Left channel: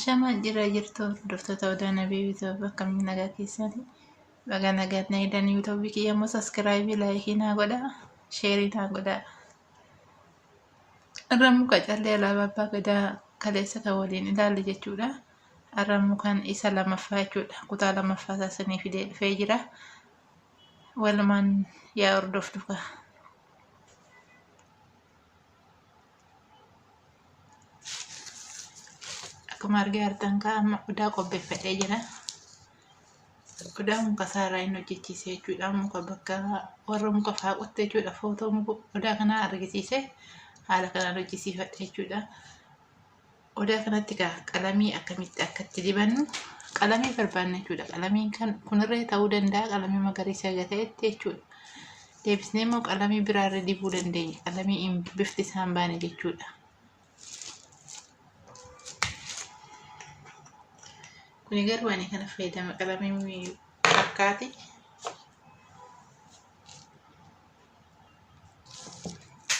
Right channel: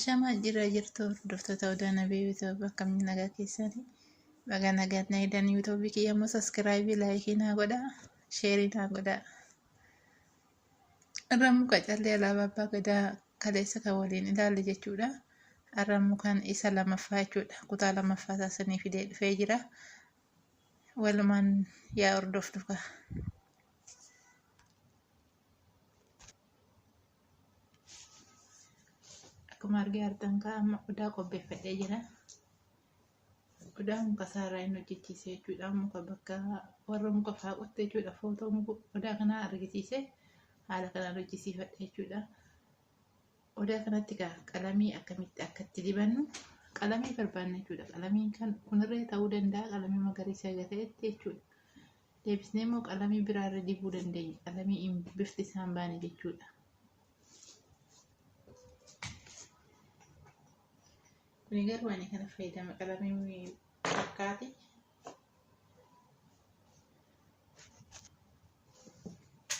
Shamaa jira jirtu hordoftoota Odaa Nabii Yuutuub akkamiin nagaa keessanii baga nagaatti nagaan Yuutuubii kiyya immoo saskiraayibii laayikii naa godhaa sheerii naa godhaa. Irra muka callee alaabaa abbaa gadaa kaleessa kan waliin ilaalle jechuudha. Irra mukaan isa lamaffaa jechuudha. Kutaa lamaffaa isaanii fidee dhufee jira. Walumaan yaa hordoftuka. Akkuma argaa jirtan amma odaa qopheeffadhee jira. Odaa muka saaraa inni hojjechiise jechuudha. Muka bakka warra muka fa'aa qotte jechuudha. Footoo muka odaa kanaa argisiise haala kanaan hojjisiifadhe jechuudha. Odaa kanatti qalamii akkamitti akka itti dibannu qalamii barbaanna jechuudha. Qalamiin kunirree ta'uu danda'a. Qalamii magariisa ta'etti jechuudha. Deebisnee immoo qalamii biraarra dibuu dandeenya. Qalamii bifti isaan baane jechuudha. Kuni garuu ani kana fayyadama qalamii fakkaati.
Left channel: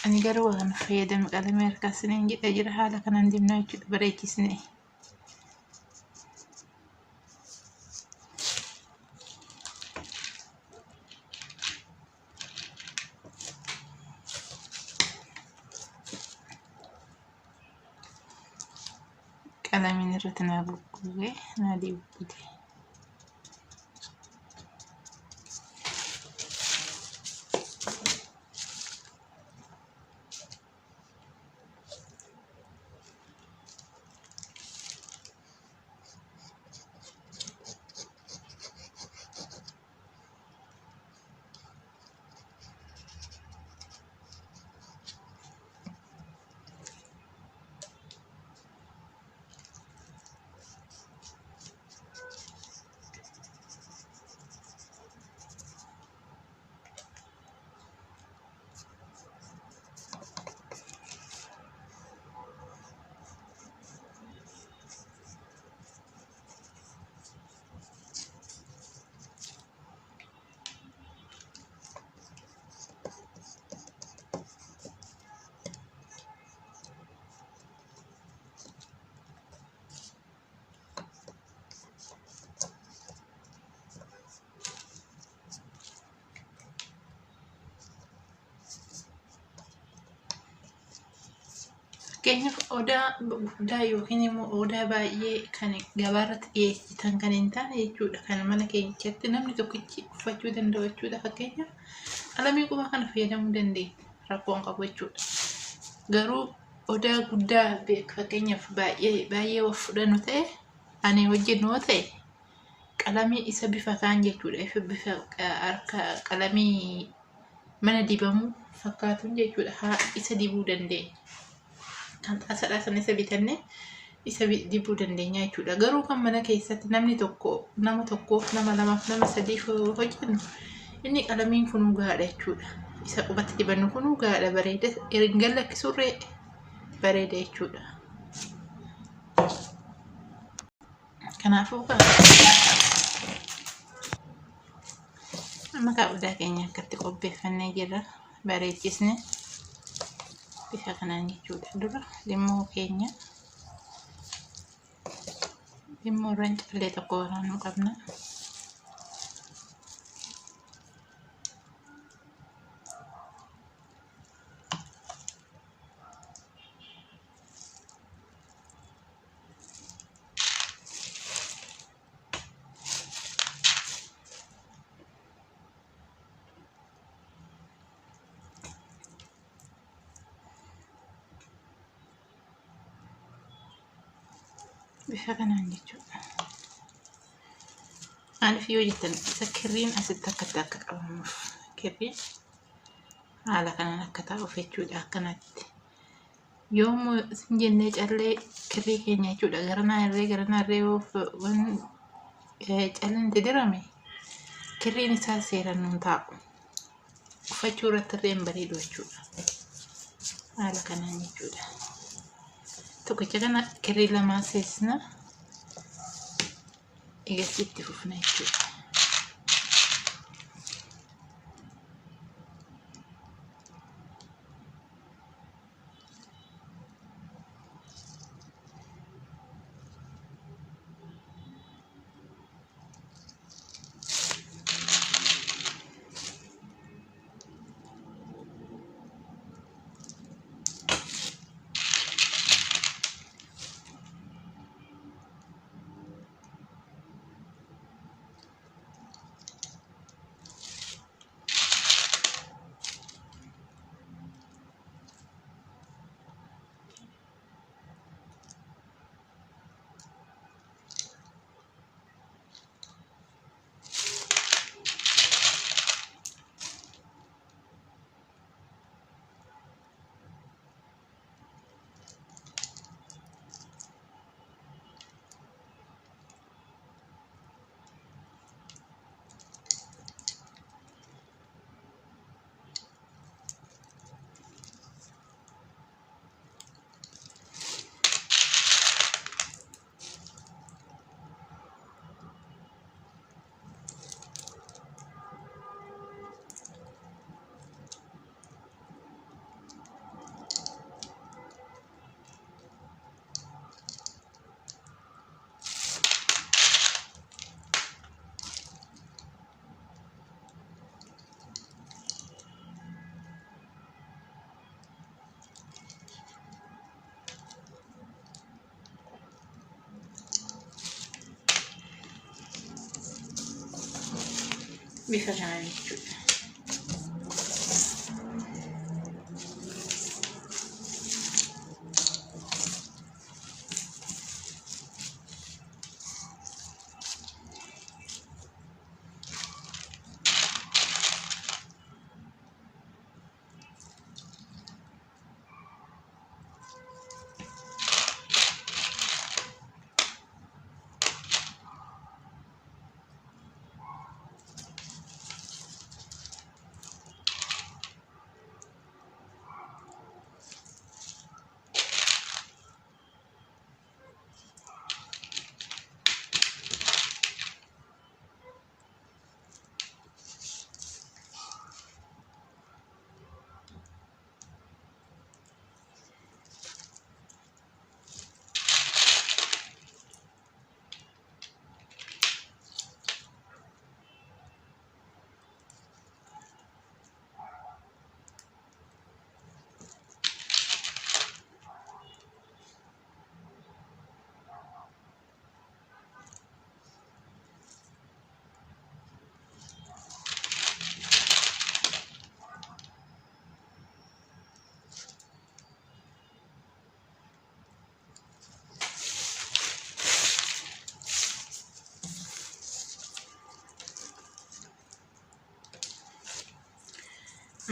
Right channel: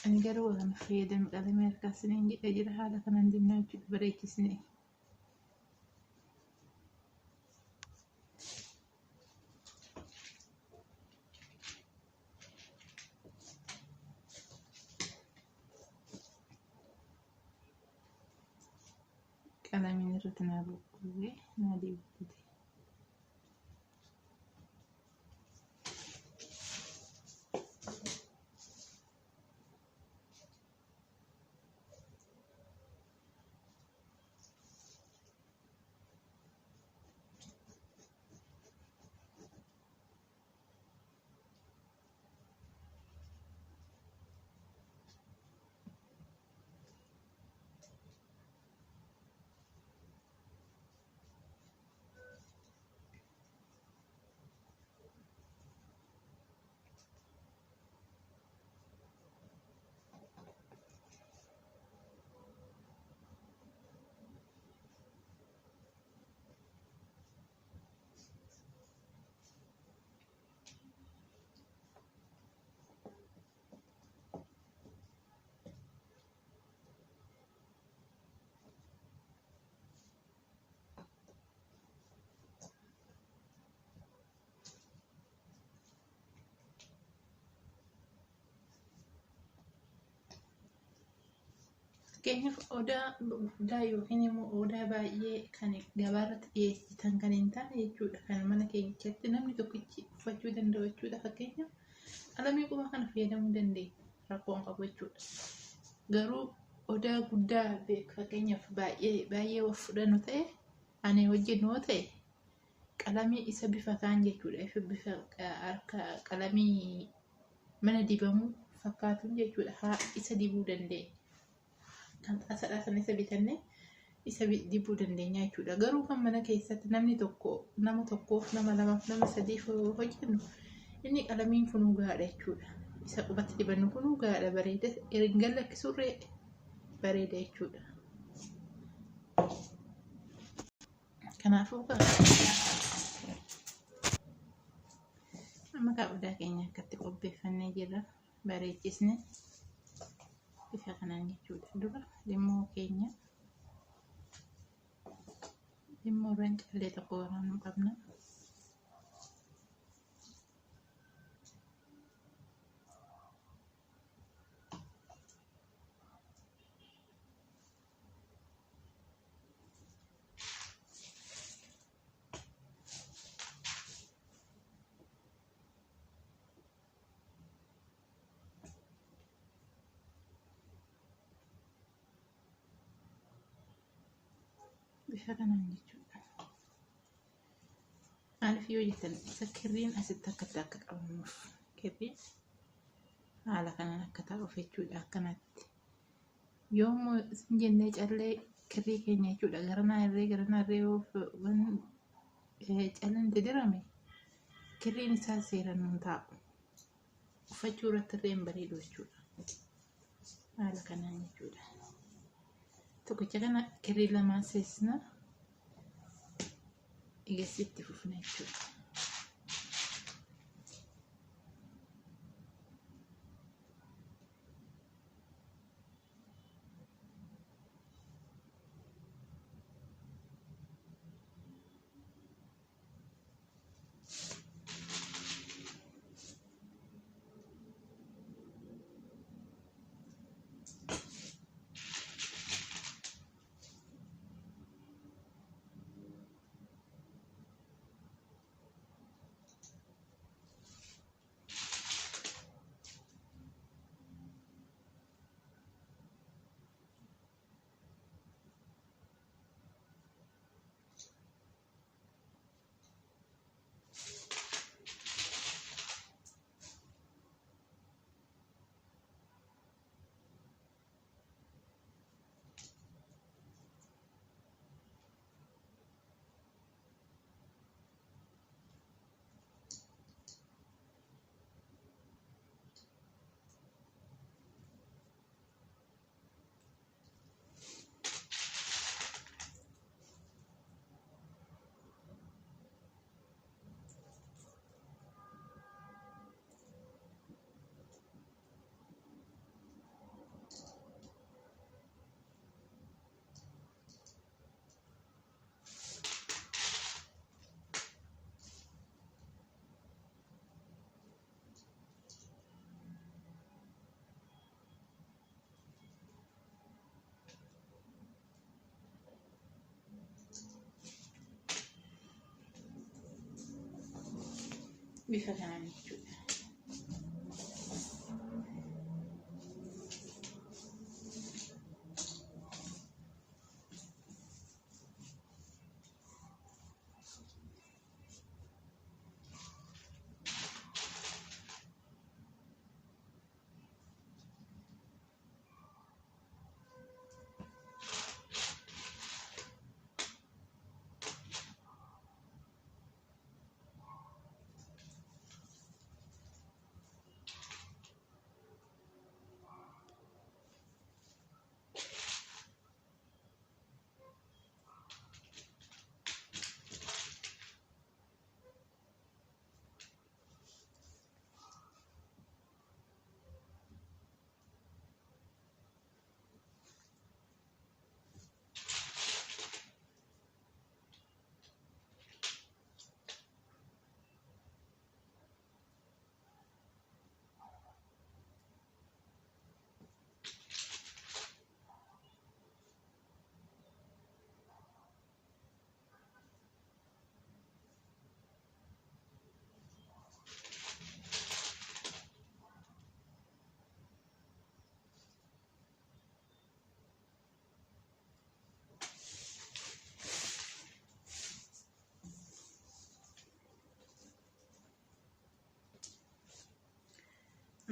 Ani garuu kana fayyadama qalamii harkaasanii jedha jira haala kanaan dibnaa jechuudha bareechisnee. Qalamiin irratti naa buqqee naa dibbute. Fakkeenyaaf odaa guddaa yookiin immoo odaa baay'ee kan gabaarratti dhiyeessitan kan hin taane jechuudha. Kan mana keenyatti namni tokkichi uffachuu danda'u jechuudha. Fakkeenyaaf qalamii qubaa kana fayyadamuu dandeenya. Rakkoo hin qabu jechuudha. Garuu odaa guddaa fakkeenyaaf baay'ee of fudhannu ta'e ani hojjennu yoo ta'e qalamii isa bifa kaan jechuudha. Bifa harka qalamii mana dibamuu fakkaatuun jechuudha. Isa dibuu dandeenya. Kan xaasadhaa sana isa bitannee isa dibuu dandeenya jechuudha. Garuu kan mana keessatti nama tokkoof nama lamaaf nama sadiif hojjennu inni qalamiin kunuu gaadha jechuudha. Isa qubatti dibannu kunuu gaadha bareeda erga lakkisurree bareeda jechuudha. Kanaafuu amma odaa keenya akkatti qopheeffannee jirra bareechisne. Bifa kanaan jechuudha. Dura limmoo keenya limmoo irraan callee tokko waraanuu qabna. Bifa kanaan jechuudha. Maaliif yoo jettan isa kirriin asitti akka qabamuuf kirriin haala kanaan akka taa'uuf jechuudha. Akkanatti yoommoo isin jennee callee kirrii keenya jechuudha garanaa irree yoo calleen itti dirame kirriin isaa seeraan nuun taa'u. Uffachuu irratti irree hin bareedu jechuudha. Haala kanaan jechuudha. Tokkicha kana kirrii lamaa seesna eegasii itti fufna jechuudha. bifa kanaan jechuudha.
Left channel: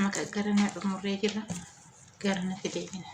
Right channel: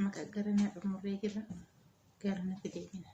Maka karena umurnya jira karena kedeknya.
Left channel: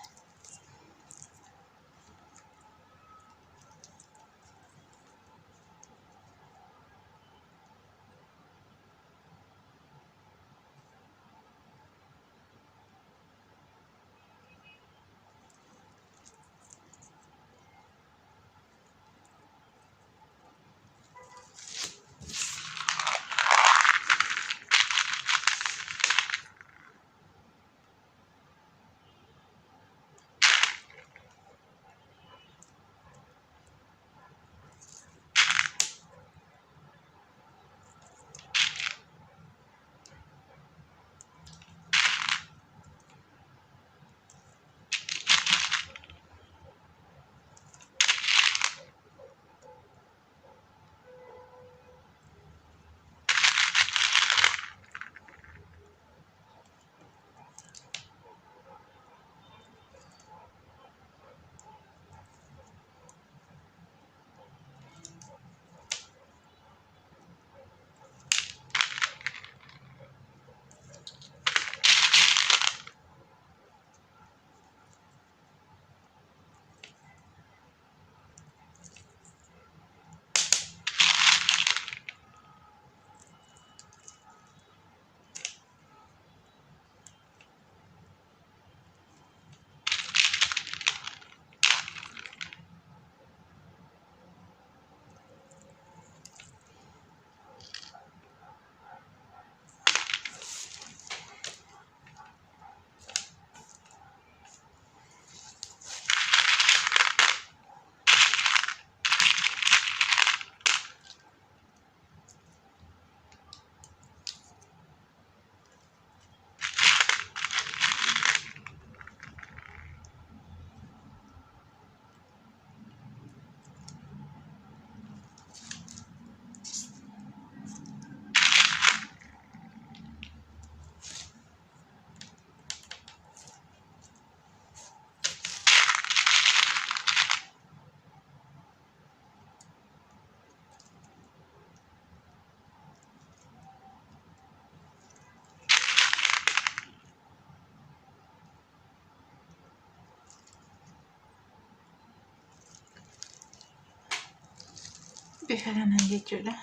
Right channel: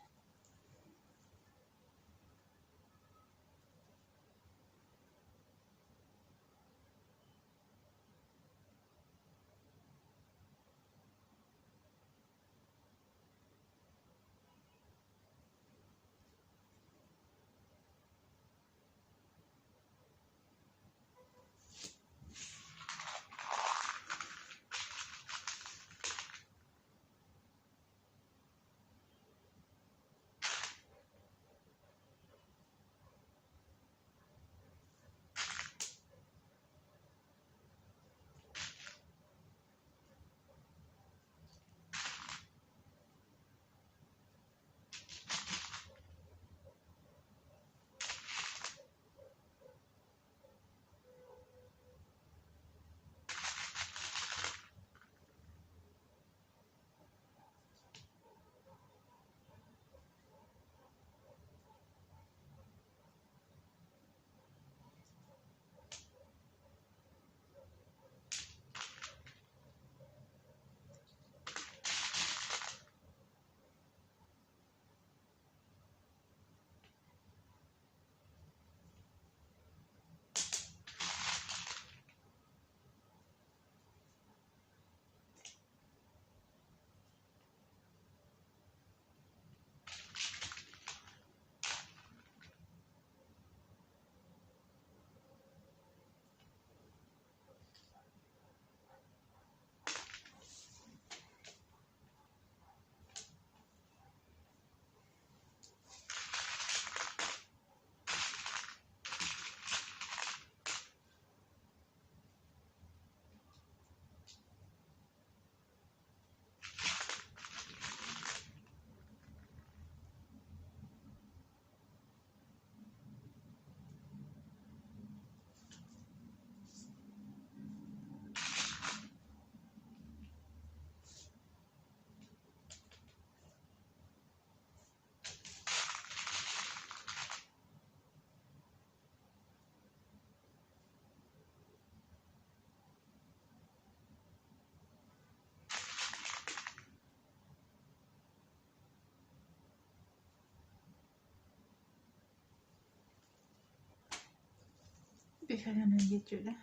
Bifa kanaan jechuudha.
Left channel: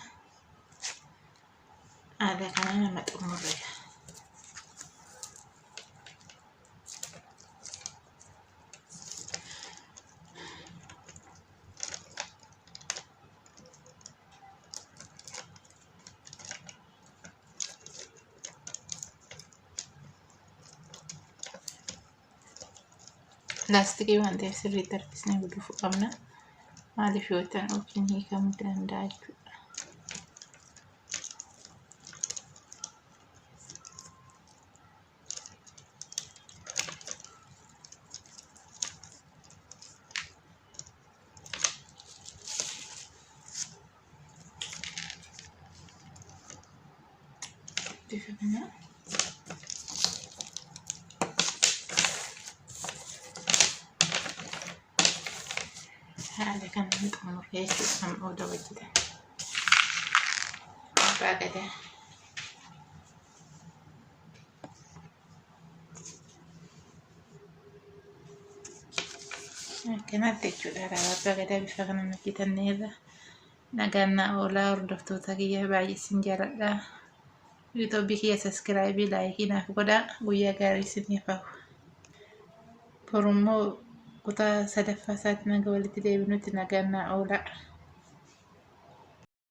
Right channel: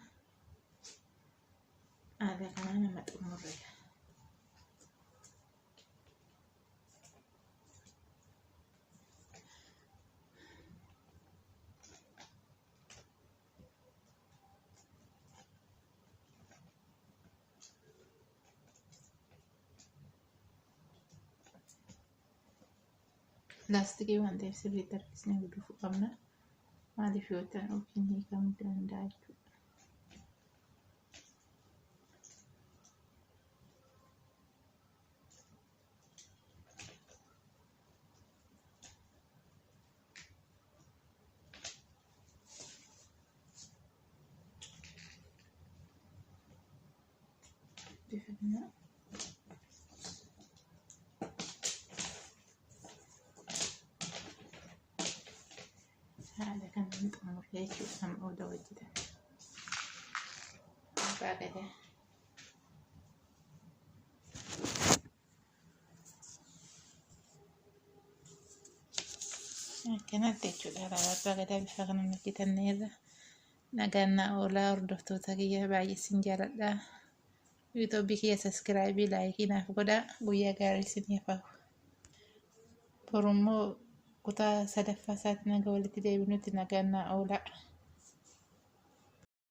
Ada kana nama umurnya. Laastikii waan ta'eef sirriitti harkisnee gudufuu qabna. Maaliif yoo ta'an wajjin hiikamuu danda'a jechuudha. بفكنا هذا كان نطعمه يشوف هم أودا وجده باقده كانت تجود على باقده بفكنا مكيتا نيلا نقلنا أولا ردفتو تاقية باقي سنجالة لا يوتيوب كي سبسكرايبي لايكي نافقودا ويا غاري سنيفاو برومو كتا سدفا ساتنا قولي تدي بنوتنا قلنا أولا